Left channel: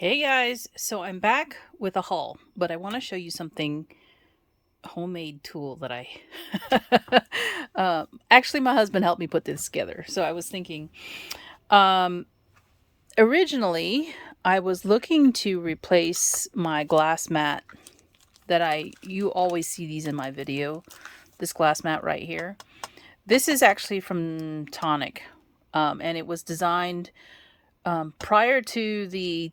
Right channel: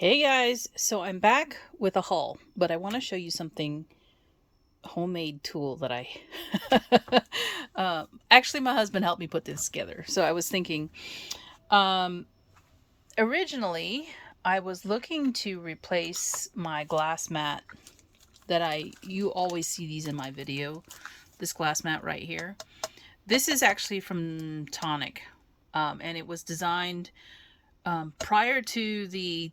Hey guys, so I'm back with a haul, but I want to show you something homemade tool that I actually my husband helped me put this together. So I was thinking um originally I was looking to replace my glass mat that you always see these in my video. This glass mat right here. This is actually from Tonic. And it was designed prior to the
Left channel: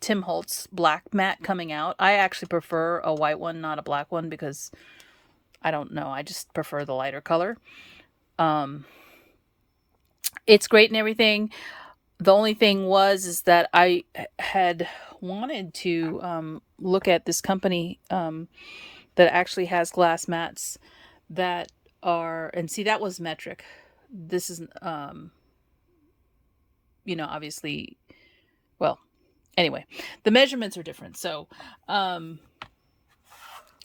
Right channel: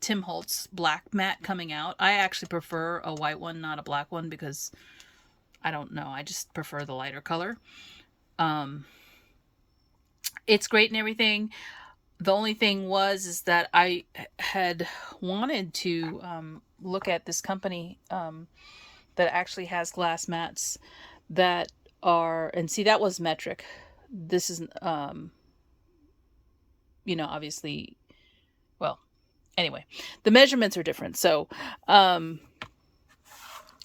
Tim Holtz black mat coming out. I actually prefer a white one, not a black one, because I don't know. I just prefer the lighter color. Um, it's great and everything. The only thing is that I had wanted to look at this company that actually has glass mats that are, and see, that was metric. This is, obviously, well, anyway, the measurements are different. So, I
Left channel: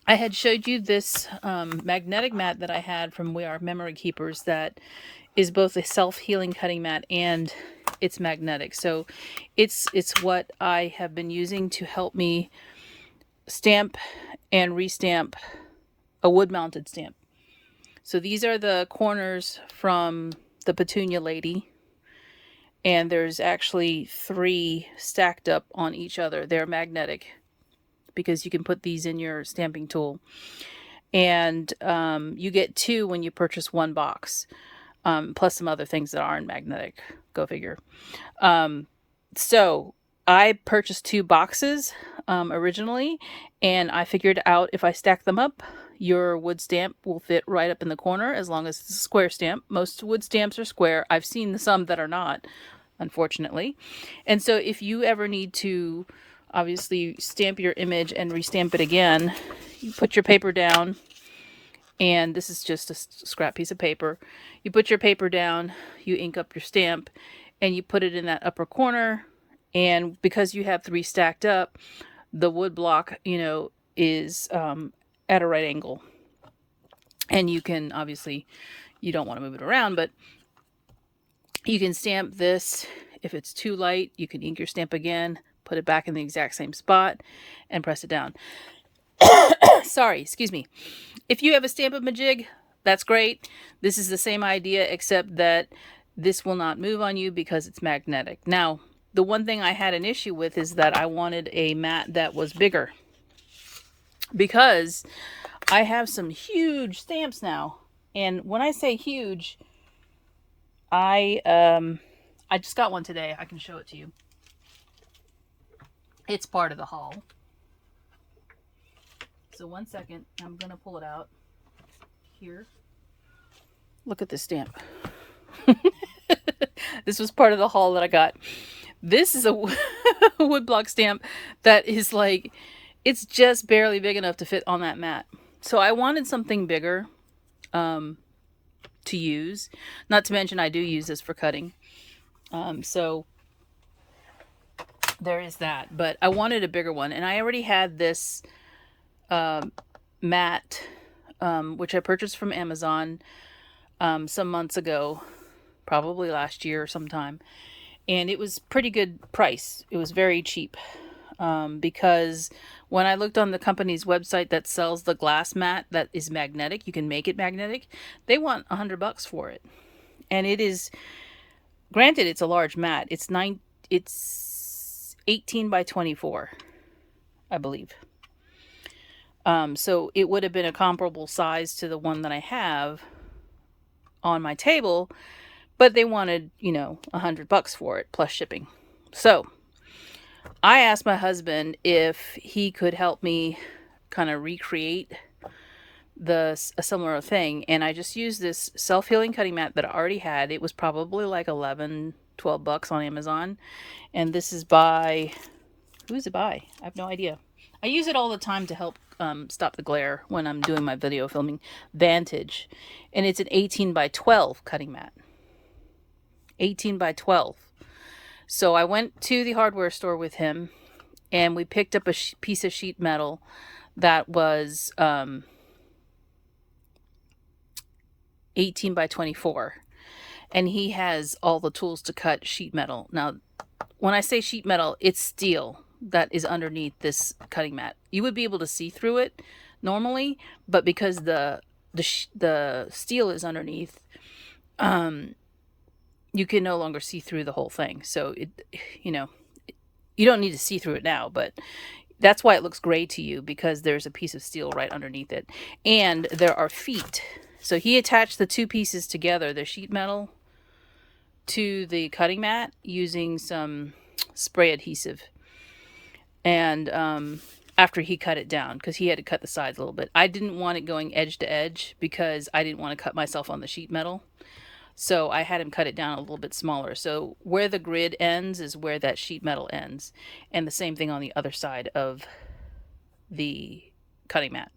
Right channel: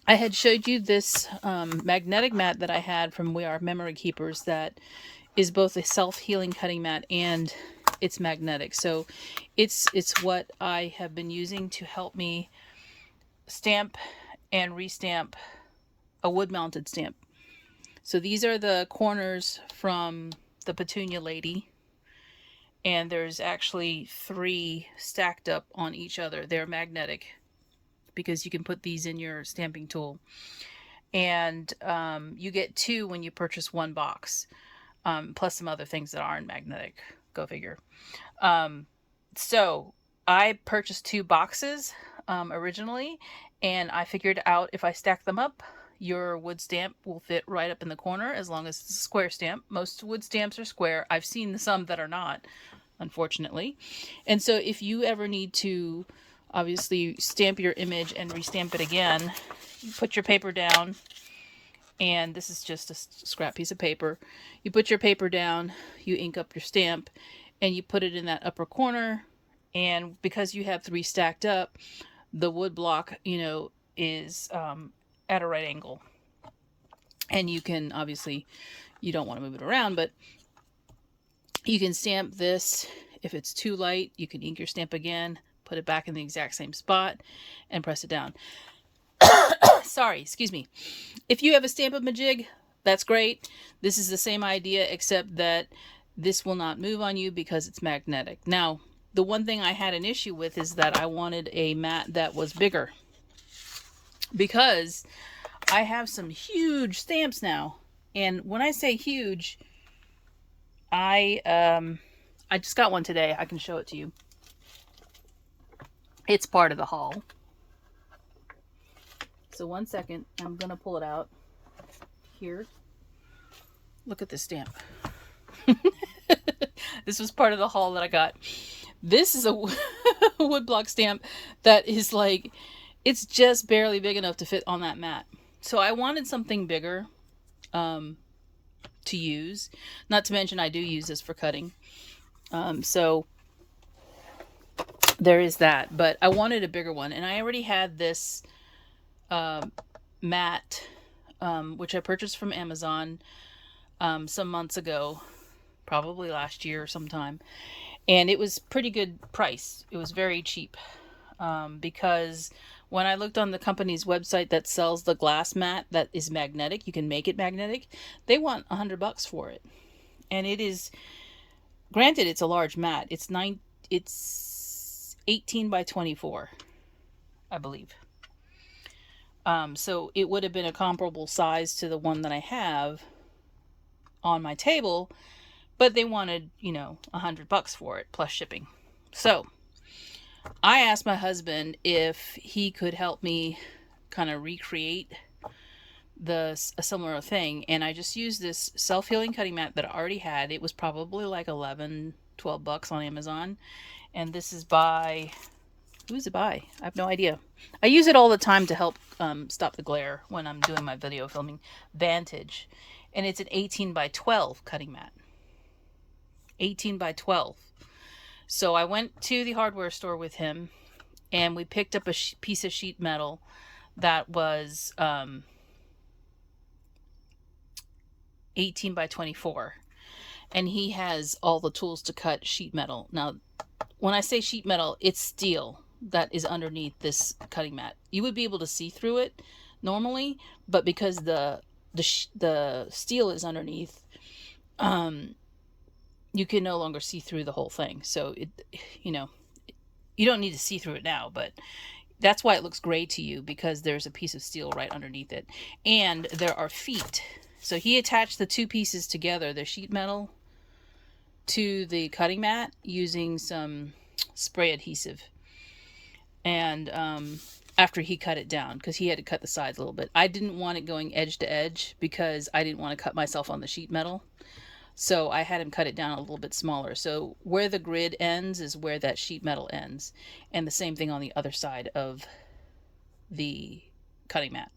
had showed you this magnetic mat that I had from We Are Memory Keepers that is both a self-healing cutting mat and it's magnetic. So it's what I have been using to help me stamp and restamp a wood-mounted stamp. So these are the corners from the Petunia Lady, and there's actually 3 stacked up on each other. They're magnetic because you can put these in your stamping tool. And you get 2 when you purchase 1 box, plus some other things that aren't magnetic. Go figure. So I purchased 2 boxes originally, and I figured out if I stack them up, your wood stamp will fit right up in the corner as long as it's a square stamp. Most wood stamps are square. I've seen some that are not, unfortunately. And so if you ever need to obviously stamp your image and restamp it again, you put your paper down, and this is just a scrap piece of paper. You put your paper down, you ink up your stamp, and you put it in that upper corner. And because you have 3 stacked up, the wood block, is at a right angle. And you can obviously, you don't want to move it around, but you can stamp this. If it's too light, you can ink your stamp again, put it back in the exact same spot, and press it down. Sorry, excuse me. If you have a Stamp-A-Majig, that's great. This is the same idea, except that this will not move on you because it's magnetic. Now, the one thing I had an issue with is that I wanted a mat that was bigger, because I have some huge stamps now. And when I say huge, I just got one today. I can show it to you. It's part of the haul. So one second, I'm gonna pull it out here. Look at this stamp. This was part of the haul that I got. This is a woodblock stamp that is like, it's just barely big enough to fit on that mat. So I wanted something bigger to use. Not to mention I do use this for cutting. So there is that. But I wanted a bigger one. And I already had this mat, which I purchased from Amazon some months ago, probably last year or sometime. And it was pretty good price. It was very cheap, because when I looked on the company's website that sells the glass mat that is magnetic, you can make it magnetic, they want $100 for it. And it is, granted, it's a large mat. It's 18 by 24, I believe. So it would have been a comparable size to the one that I have on my table, but they wanted, $100 for it plus shipping. So I asked my husband if he could help me kind of recreate a similar thing, and I just used this self-healing cutting mat that I already had. It was probably like $11-12 on Amazon, and this is by, who is it by? I have no idea. I use it all the time to help stop the glare when I'm doing my video filming. Vantage, and it's an 18 by 12 cutting mat. 18 by 12. So I went to the hardware store with him, and we picked up a piece of sheet metal that was 18 by 24. And he has all the tools to cut sheet metal. Now, when I say sheet metal, it's steel that is underneath this cutting mat. You would be able to see through it normally, but because the steel is underneath, um, you can no longer see through the whole thing. So it, you know, you don't need to see through it now, but that's why it looks gray to you, because there's a piece of steel right underneath it. And there are feet. So he attached the two pieces together, the sheet metal to the cutting mat, using some spray adhesive. And after he cut it down, because he had to cut the sides a little bit. I didn't want it going edge to edge because I didn't want to cut myself on the sheet metal. So I had him cut it down a little bit smaller. So where the grid ends is where that sheet metal ends. And the same thing on the other side of the cutting mat.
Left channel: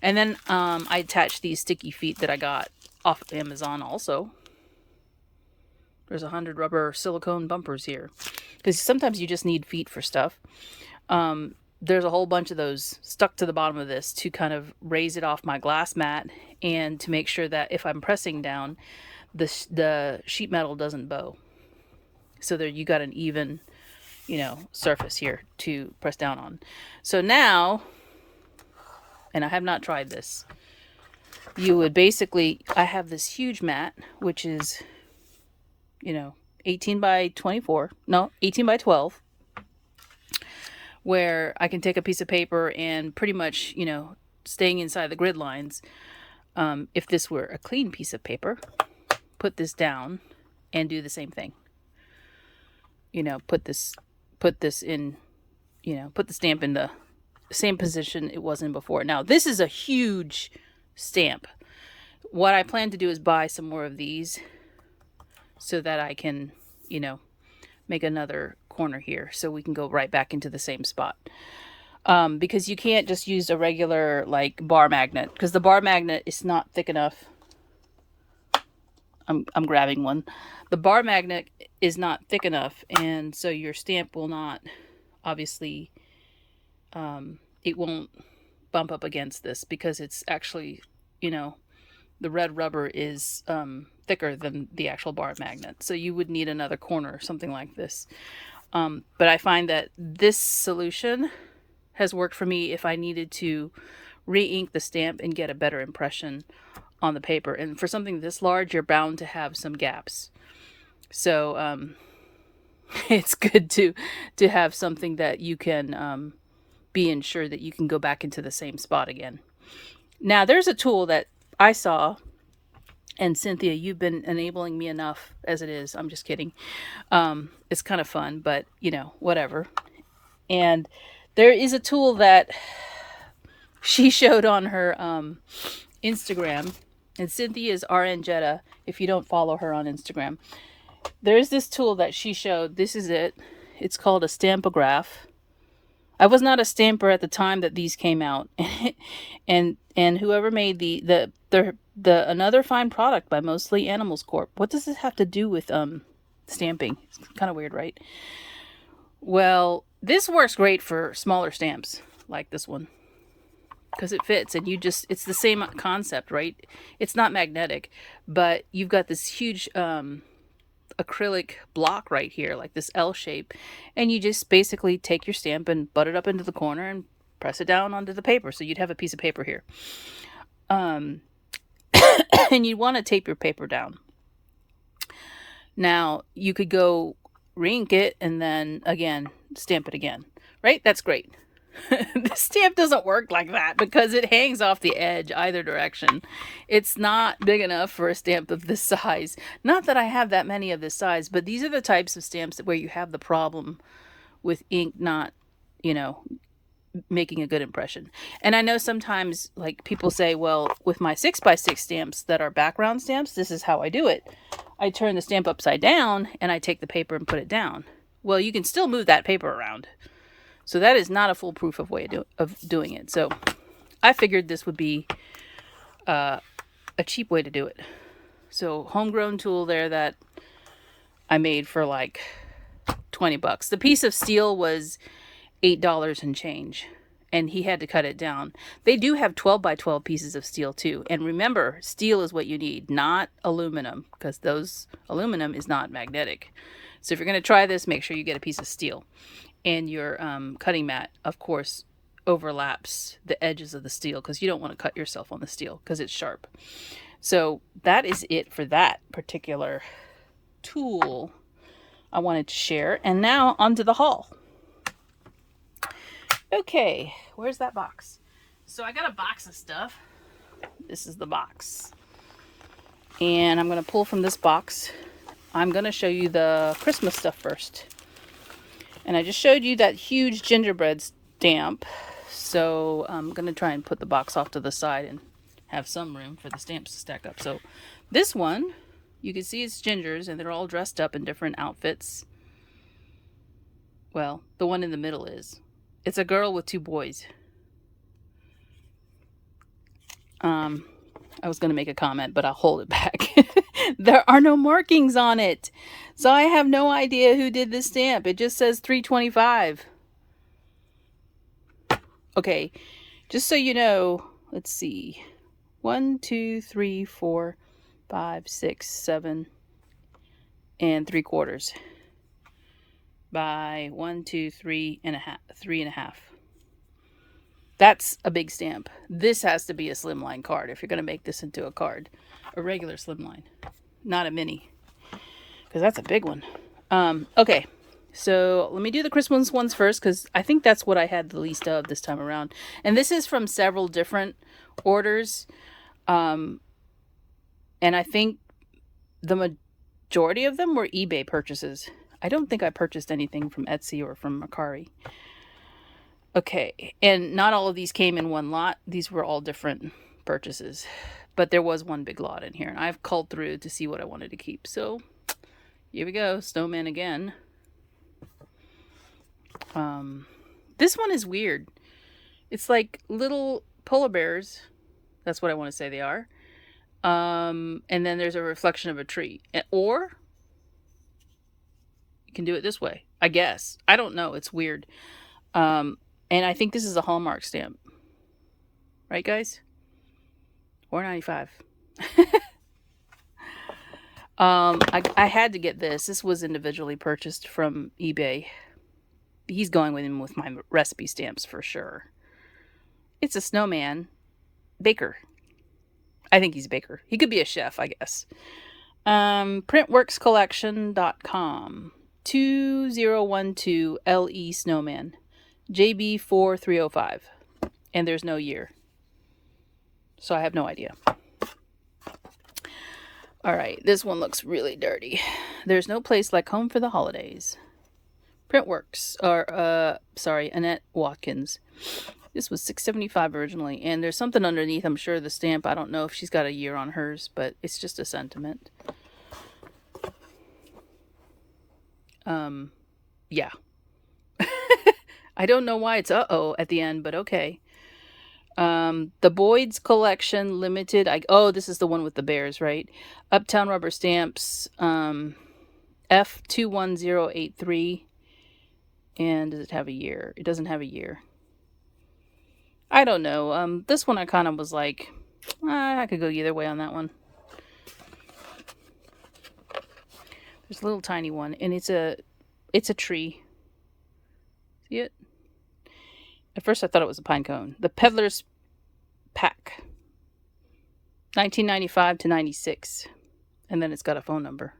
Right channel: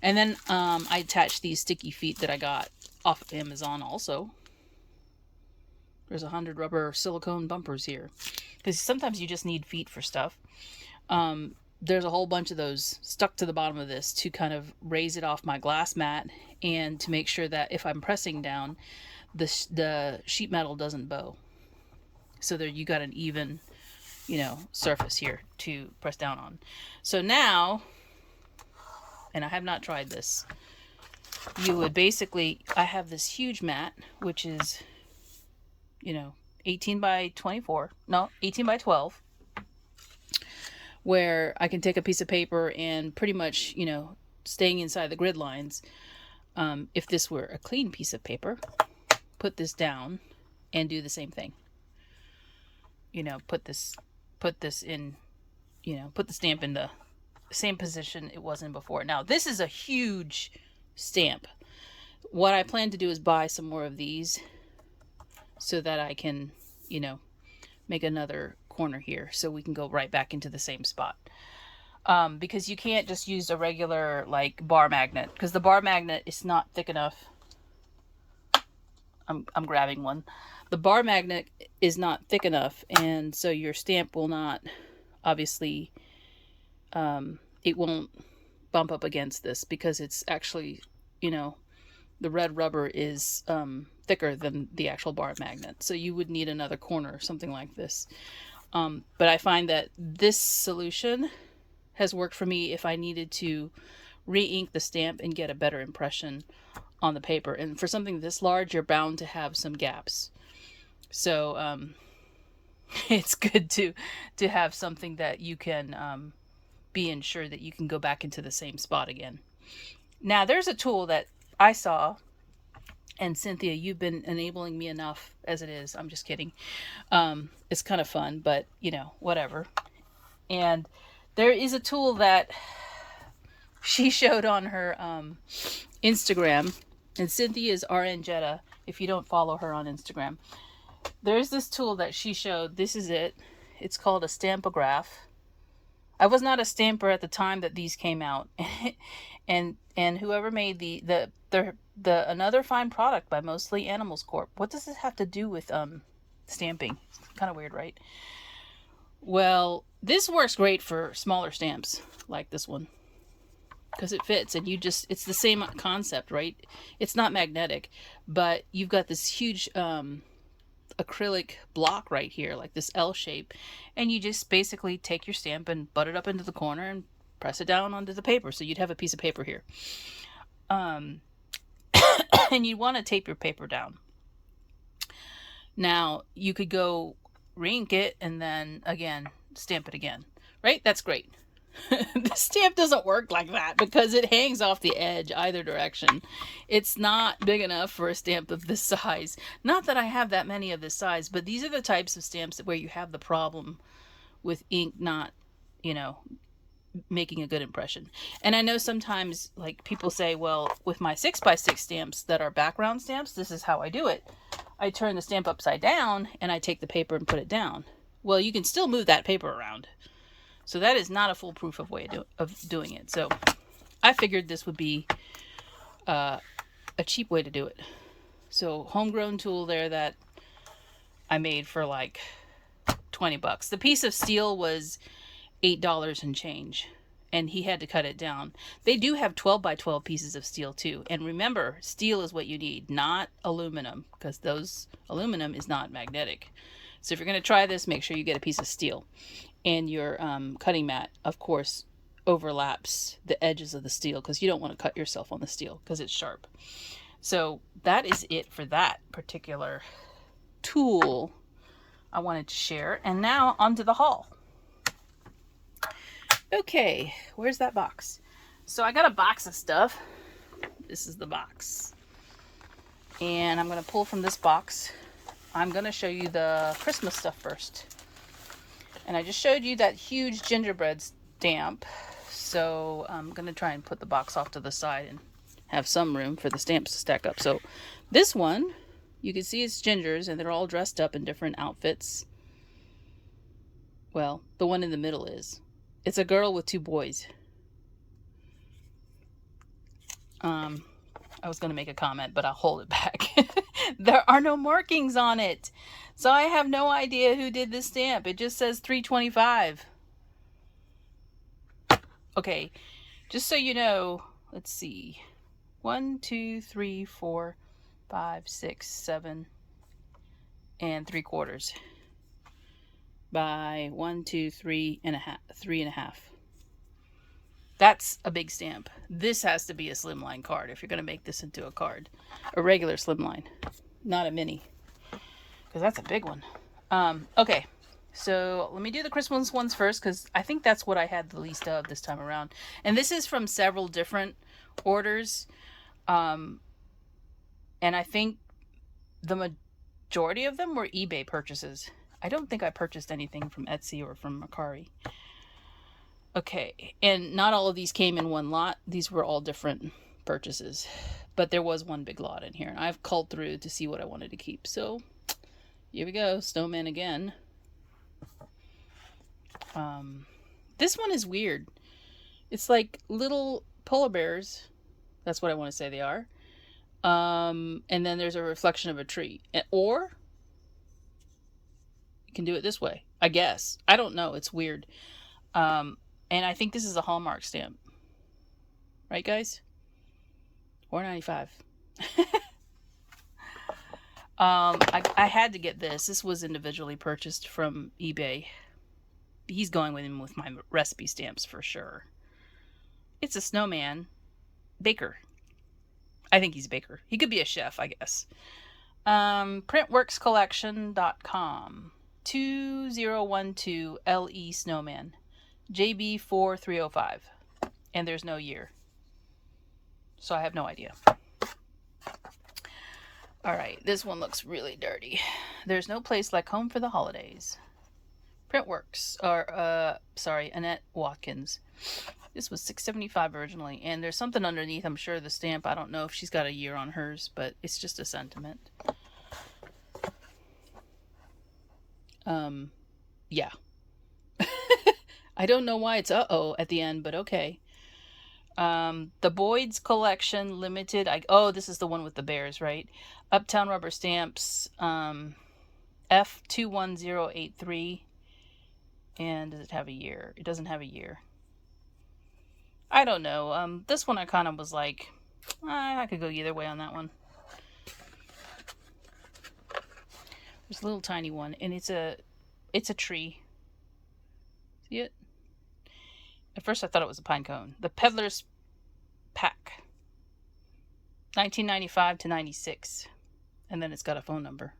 And then I attached these sticky feet that I got off of Amazon also. There's 100 rubber silicone bumpers here. Because sometimes you just need feet for stuff. There's a whole bunch of those stuck to the bottom of this to kind of raise it off my glass mat, and to make sure that if I'm pressing down, the sheet metal doesn't bow. So there you got an even, surface here to press down on. So now, and I have not tried this, you would basically, I have this huge mat, which is, 18 by 24, no, 18 by 12, where I can take a piece of paper and pretty much, staying inside the grid lines. If this were a clean piece of paper, put this down and do the same thing. Put this in, put the stamp in the same position it was in before. Now, this is a huge stamp. What I plan to do is buy some more of these so that I can, make another corner here so we can go right back into the same spot. Because you can't just use a regular bar magnet, because the bar magnet is not thick enough. I'm grabbing one. The bar magnet is not thick enough, and so your stamp will not, obviously, it won't bump up against this, because it's actually, the red rubber is thicker than the actual bar magnet. So you would need another corner, something like this. But I find that this solution has worked for me if I needed to re-ink the stamp and get a better impression on the paper. And for something this large, you're bound to have some gaps. So it's good to have something that you can be ensured that you can go back into the same spot again. Now, there's a tool that I saw, and Cynthia, you've been enabling me enough as it is. I'm just kidding. It's kind of fun, but whatever. And there is a tool that she showed on her Instagram, and Cynthia is RN Jetta, if you don't follow her on Instagram. There's this tool that she showed. This is it. It's called a Stampograph. I was not a stamper at the time that these came out, and whoever made the Another Fine Product by Mostly Animals Corp. What does this have to do with stamping? It's kind of weird, right? Well, this works great for smaller stamps like this one, because it fits, and it's the same concept, right? It's not magnetic, but you've got this huge acrylic block right here, like this L shape, and you just basically take your stamp and butt it up into the corner and press it down onto the paper. So you'd have a piece of paper here. And you'd want to tape your paper down. Now, you could go re-ink it and then again stamp it again, right? That's great. The stamp doesn't work like that because it hangs off the edge either direction. It's not big enough for a stamp of this size. Not that I have that many of this size, but these are the types of stamps where you have the problem with ink not, making a good impression. And I know sometimes people say, well, with my 6x6 stamps that are background stamps, this is how I do it. I turn the stamp upside down and I take the paper and put it down. Well, you can still move that paper around. So that is not a foolproof way of doing it. So I figured this would be a cheap way to do it. So homegrown tool there that I made for $20. The piece of steel was $8 and change, and he had to cut it down. They do have 12 by 12 pieces of steel too. And remember, steel is what you need, not aluminum, because aluminum is not magnetic. So if you're going to try this, make sure you get a piece of steel. And your cutting mat, of course, overlaps the edges of the steel because you don't want to cut yourself on the steel because it's sharp. So that is it for that particular tool I wanted to share. And now onto the haul. Okay, where's that box? So I got a box of stuff. This is the box. And I'm going to pull from this box. I'm going to show you the Christmas stuff first. And I just showed you that huge gingerbread stamp. So I'm going to try and put the box off to the side and have some room for the stamps to stack up. So this one, you can see it's gingers and they're all dressed up in different outfits. Well, the one in the middle is. It's a girl with 2 boys. I was going to make a comment, but I'll hold it back. There are no markings on it. So I have no idea who did this stamp. It just says 325. Okay, just so you know, let's see. 1, 2, 3, 4, 5, 6, 7, and 3/4 by 1, 2, 3 and a half, 3.5. That's a big stamp. This has to be a slimline card if you're going to make this into a card. A regular slimline, not a mini, because that's a big one. Okay, so let me do the Christmas ones first because I think that's what I had the least of this time around. And this is from several different orders. And I think the majority of them were eBay purchases. I don't think I purchased anything from Etsy or from Mercari. Okay, and not all of these came in one lot. These were all different purchases. But there was one big lot in here. And I've culled through to see what I wanted to keep. So, here we go. Snowman again. This one is weird. It's like little polar bears. That's what I want to say they are. And then there's a reflection of a tree. Or you can do it this way, I guess. I don't know. It's weird. And I think this is a Hallmark stamp. Right, guys? $4.95. I had to get this. This was individually purchased from eBay. He's going with him with my recipe stamps for sure. It's a snowman. Baker. I think he's a baker. He could be a chef, I guess. Printworkscollection.com. 2012 LE Snowman. JB4305. And there's no year. So I have no idea. Alright, this one looks really dirty. There's no place like home for the holidays. Printworks, Annette Watkins. This was $6.75 originally, and there's something underneath, I'm sure, the stamp. I don't know if she's got a year on hers, but it's just a sentiment. Yeah. I don't know why it's uh-oh at the end, but okay. The Boyd's Collection Limited. Oh, this is the one with the bears, right? Uptown Rubber Stamps. F21083. And does it have a year? It doesn't have a year. I don't know. This one I kind of was like, I could go either way on that one. There's a little tiny one, and it's a tree. See it? At first I thought it was a pine cone. The Peddler's Pack. 1995 to 96. And then it's got a phone number.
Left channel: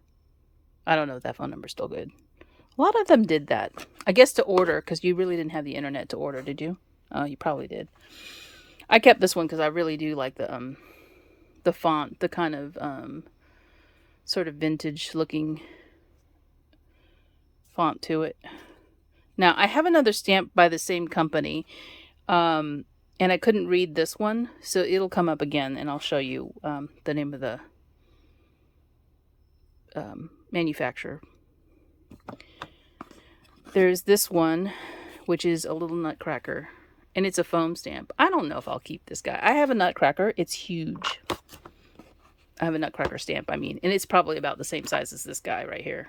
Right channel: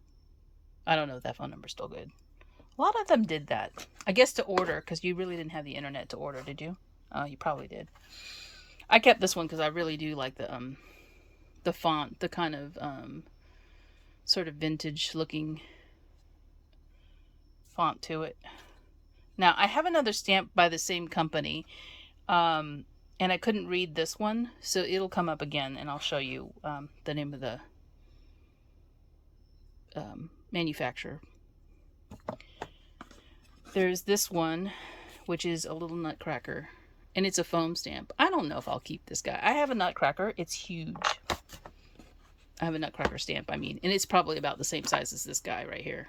I don't know if that phone number's still good. A lot of them did that. I guess to order, because you really didn't have the internet to order, did you? Oh, you probably did. I kept this one because I really do like the font, the kind of sort of vintage looking font to it. Now, I have another stamp by the same company, and I couldn't read this one, so it'll come up again, and I'll show you the name of the manufacturer. There's this one, which is a little nutcracker, and it's a foam stamp. I don't know if I'll keep this guy. I have a nutcracker. It's huge. I have a nutcracker stamp, and it's probably about the same size as this guy right here.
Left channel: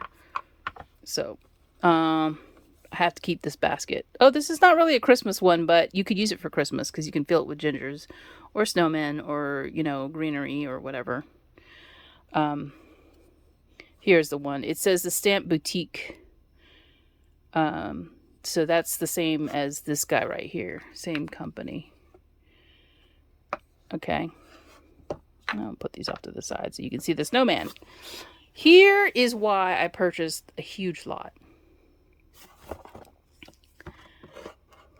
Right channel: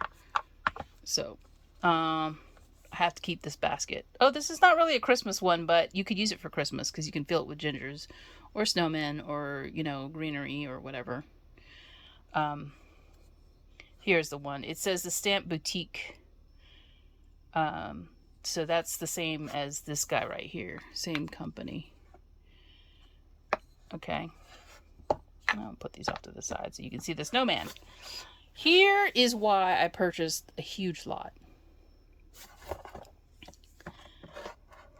So, I have to keep this basket. Oh, this is not really a Christmas one, but you could use it for Christmas because you can fill it with gingers or snowmen or, greenery or whatever. Here's the one. It says the Stamp Boutique. So that's the same as this guy right here. Same company. Okay. I'll put these off to the side so you can see the snowman. Here is why I purchased a huge lot.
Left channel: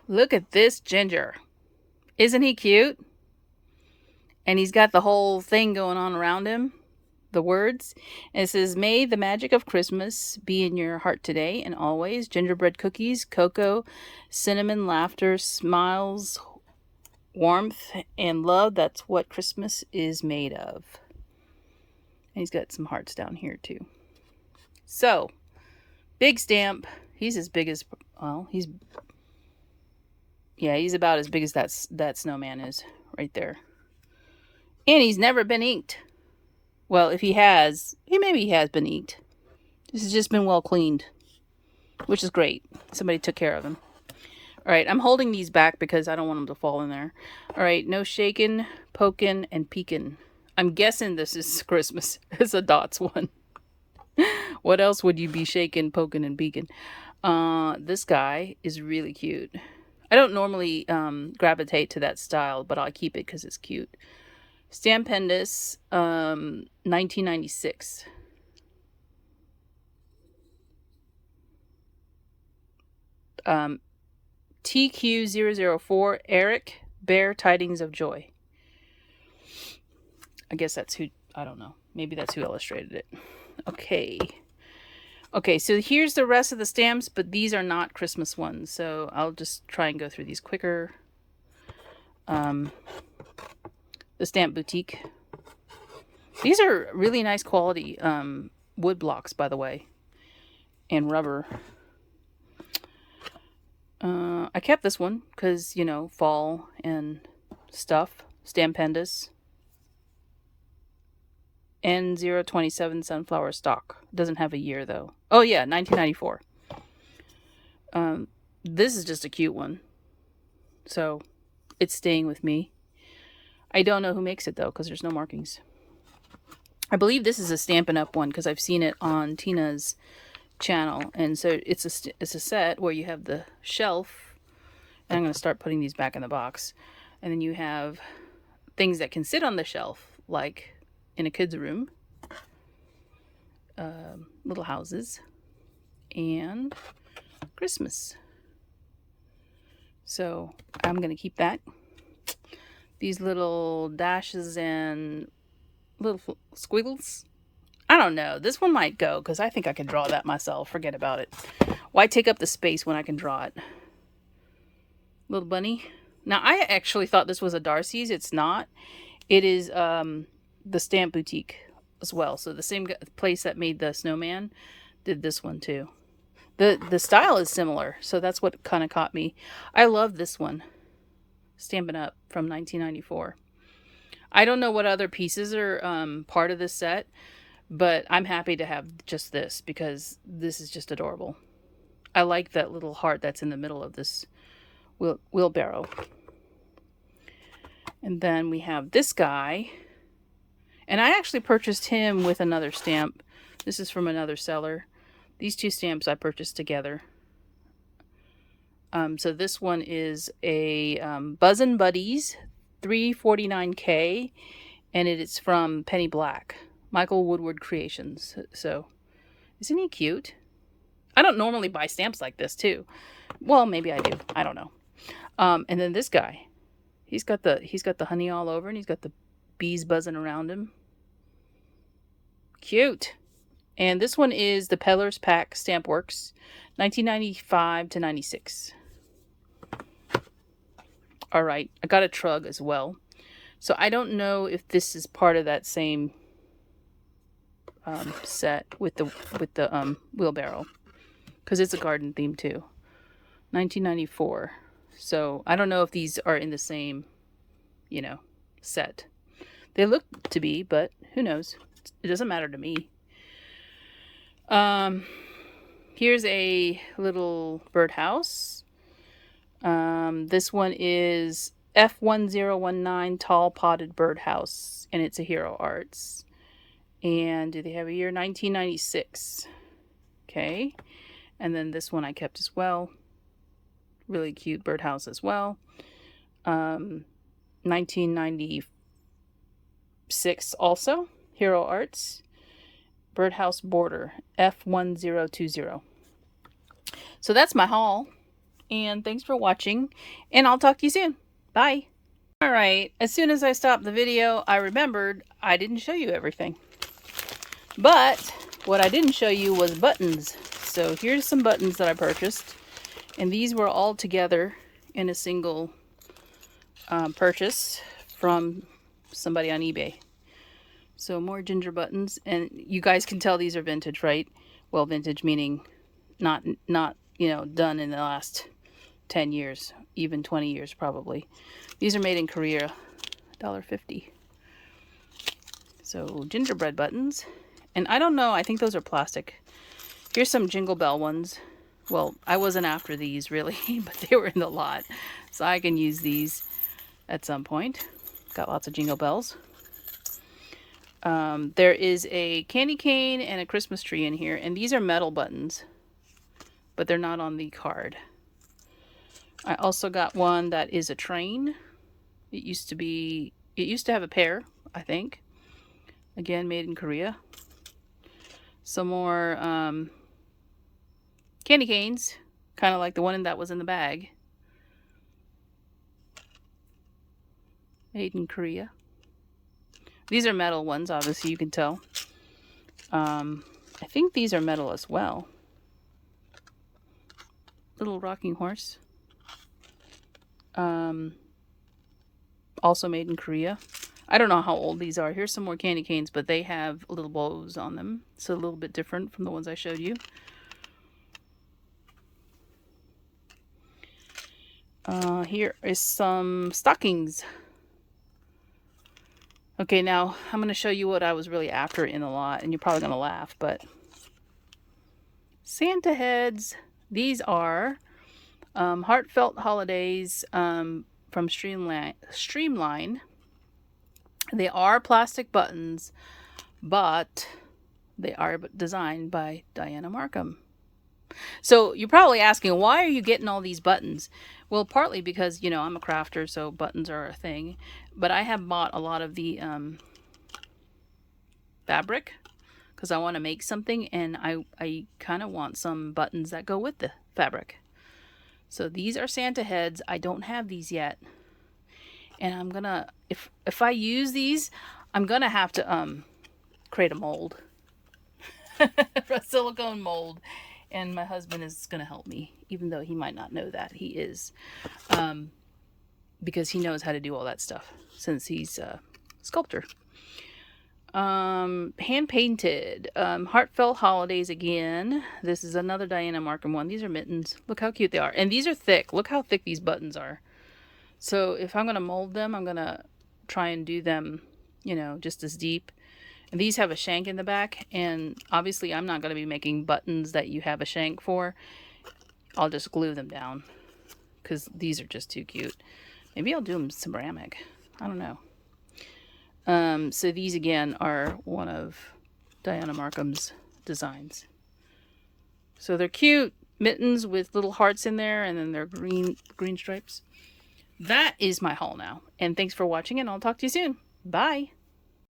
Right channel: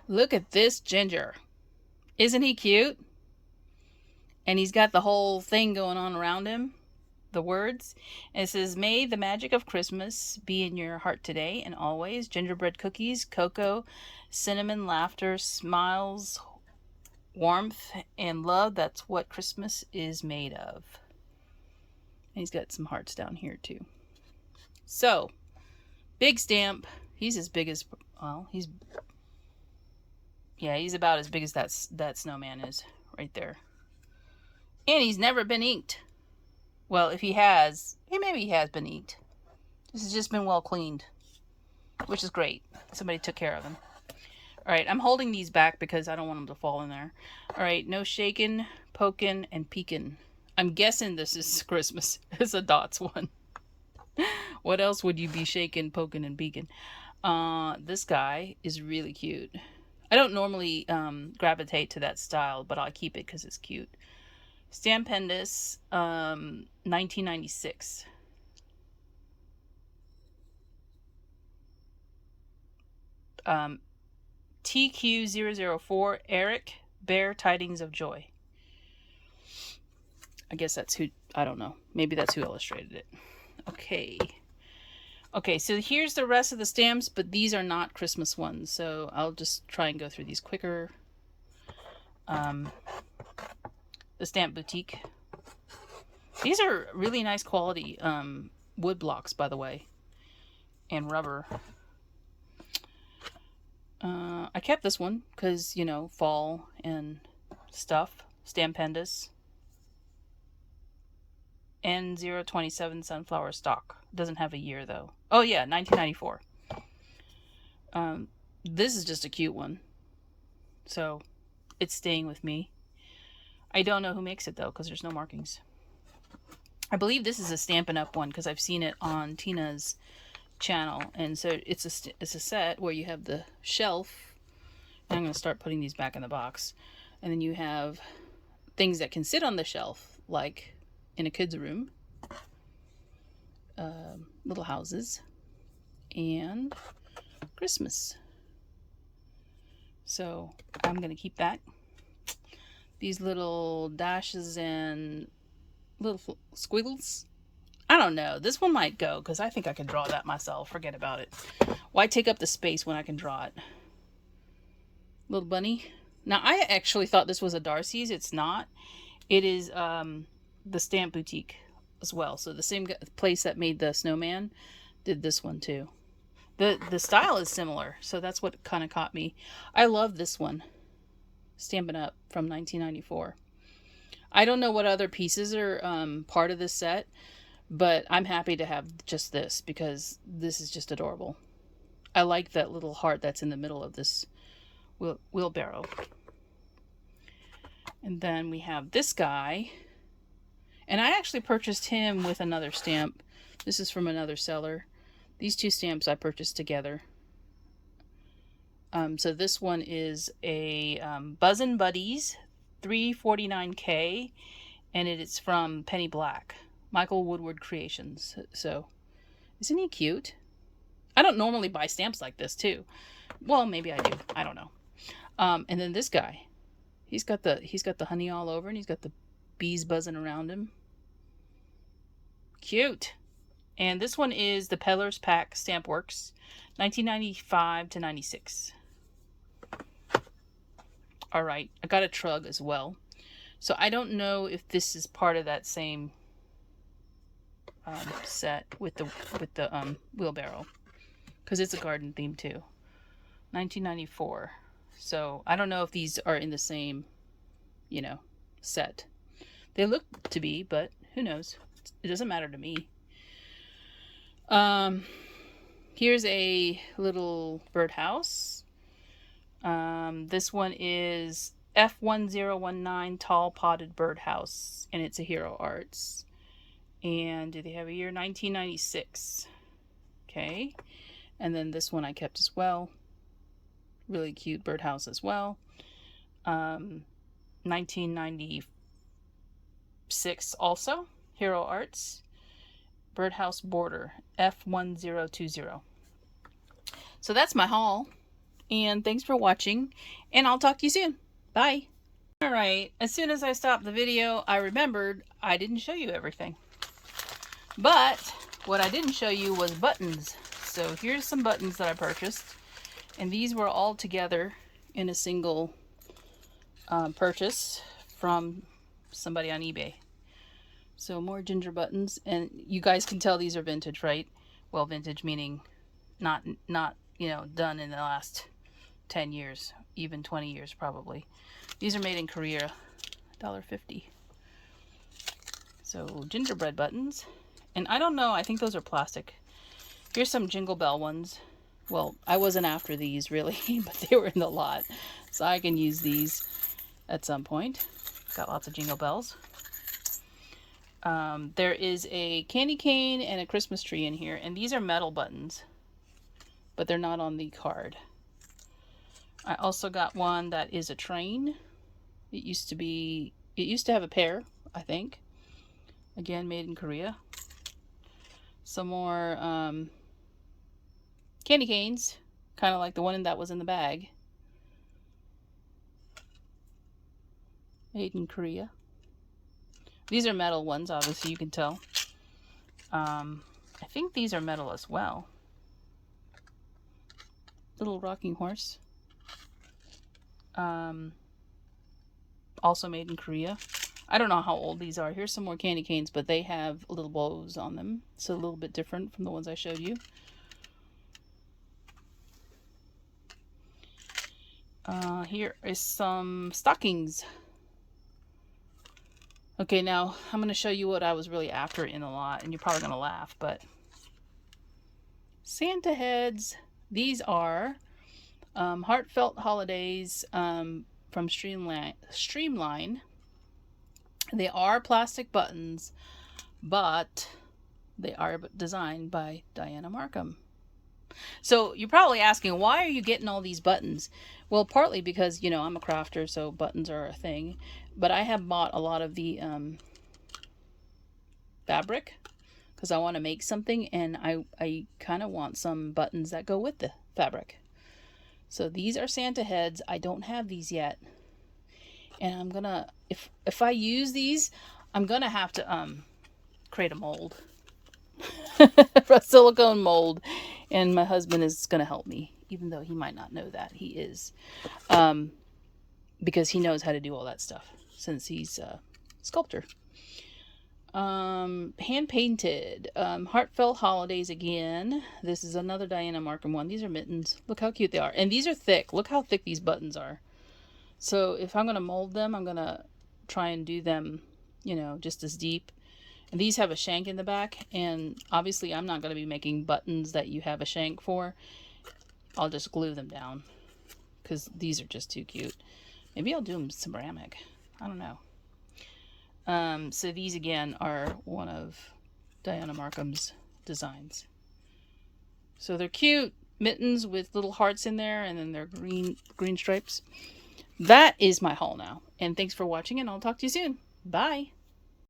Look at this Ginger. Isn't he cute? And he's got the whole thing going on around him. The words. And it says, "May the magic of Christmas be in your heart today and always. Gingerbread cookies, cocoa, cinnamon, laughter, smiles, warmth, and love. That's what Christmas is made of." And he's got some hearts down here too. So, big stamp. He's as big as, well, he's about as big as that snowman is right there. And he's never been inked. Well, if he has, maybe he has been inked. This has just been well cleaned, which is great. Somebody took care of him. All right, I'm holding these back because I don't want them to fall in there. All right, no shaking, poking, and peeking. I'm guessing this is Christmas. It's a dots one. What else would you be shaking, poking, and peeking? This guy is really cute. I don't normally gravitate to that style, but I'll keep it because it's cute. Stampendous, 1996. TQ004, Eric, Bear Tidings of Joy. I guess that's who, I don't know. Maybe that's who illustrated it. Okay. Okay, so here's the rest of the stamps, but these are not Christmas ones, so I'll just try and go through these quicker. The Stamp Boutique. These are really nice quality wood blocks, by the way, and rubber. I kept this one because, you know, fall and stuff. Stampendous. N027 sunflower stock. Doesn't have a year, though. Oh, yeah, 1994. This is just a cute one. So, it's staying with me. I don't know who makes it, though, because there's no markings. I believe this is a Stampin' Up! One, because I've seen it on Tina's channel. And so, it's a set where you have the shelf. And I'm going to start putting these back in the box. And then you have things that can sit on the shelf, like in a kid's room. Little houses. And Christmas. So, I'm going to keep that. These little dashes and little squiggles. I don't know. This one might go because I think I can draw that myself. Forget about it. Why take up the space when I can draw it? Little bunny. Now, I actually thought this was a Darcy's. It's not. It is the Stamp Boutique as well. So the same place that made the snowman did this one too. The style is similar. So that's what kind of caught me. I love this one. Stampin' Up! From 1994. I don't know what other pieces are part of this set, but I'm happy to have just this because this is just adorable. I like that little heart that's in the middle of this wheelbarrow. And then we have this guy. And I actually purchased him with another stamp. This is from another seller. These two stamps I purchased together. So this one is a Buzzin' Buddies 349K, and it is from Penny Black, Michael Woodward Creations. So, isn't he cute? I don't normally buy stamps like this too. Well, maybe I do. I don't know. And then this guy, he's got the honey all over, and he's got the bees buzzing around him. Cute. And this one is the Peddler's Pack Stamp Works, 1995 to 96. All right, I got a Trug as well. So I don't know if this is part of that same set with the wheelbarrow, because it's a garden theme too. 1994. So I don't know if these are in the same, you know, set. They look to be, but who knows? It doesn't matter to me. Here's a little birdhouse. This one is F1019 Tall Potted Birdhouse, and it's a Hero Arts. And do they have a year? 1996. Okay. And then this one I kept as well. Really cute birdhouse as well. 1996 also. Hero Arts. Birdhouse Border. F1020. So that's my haul. And thanks for watching. And I'll talk to you soon. Bye. Alright, as soon as I stopped the video, I remembered I didn't show you everything. But what I didn't show you was buttons. So here's some buttons that I purchased. And these were all together in a single purchase from somebody on eBay. So more ginger buttons. And you guys can tell these are vintage, right? Well, vintage meaning not you know, done in the last 10 years, even 20 years probably. These are made in Korea, $1.50. So gingerbread buttons. And I don't know, I think those are plastic. Here's some Jingle Bell ones. Well, I wasn't after these really, but they were in the lot. So I can use these at some point. Got lots of Jingle Bells. There is a candy cane and a Christmas tree in here. And these are metal buttons, but they're not on the card. I also got one that is a train. It used to have a pair, I think. Again, made in Korea. Some more candy canes, kind of like the one that was in the bag. Made in Korea. These are metal ones, obviously, you can tell. I think these are metal as well. Little rocking horse. Also made in Korea. I don't know how old these are. Here's some more candy canes, but they have little bows on them. So a little bit different from the ones I showed you. Here is some stockings. Okay, now I'm going to show you what I was really after in the lot, and you're probably going to laugh, but Santa heads. These are Heartfelt Holidays from Streamline. They are plastic buttons, but they are designed by Diana Markham. So you're probably asking, why are you getting all these buttons? Well, partly because, you know, I'm a crafter, so buttons are a thing. But I have bought a lot of the fabric because I want to make something, and I kind of want some buttons that go with the fabric. So these are Santa heads. I don't have these yet. And I'm gonna, if I use these, I'm gonna have to create a mold. A silicone mold. And my husband is gonna help me, even though he might not know that. He is. Because he knows how to do all that stuff, since he's a sculptor. Hand painted. Heartfelt Holidays again. This is another Diana Markham one. These are mittens. Look how cute they are. And these are thick. Look how thick these buttons are. So if I'm going to mold them, I'm going to try and do them, you know, just as deep. And these have a shank in the back. And obviously I'm not going to be making buttons that you have a shank for. I'll just glue them down because these are just too cute. Maybe I'll do them ceramic. I don't know. So these again are one of Diana Markham's designs. So they're cute mittens with little hearts in there, and then they're green stripes. That is my haul now. And thanks for watching, and I'll talk to you soon. Bye.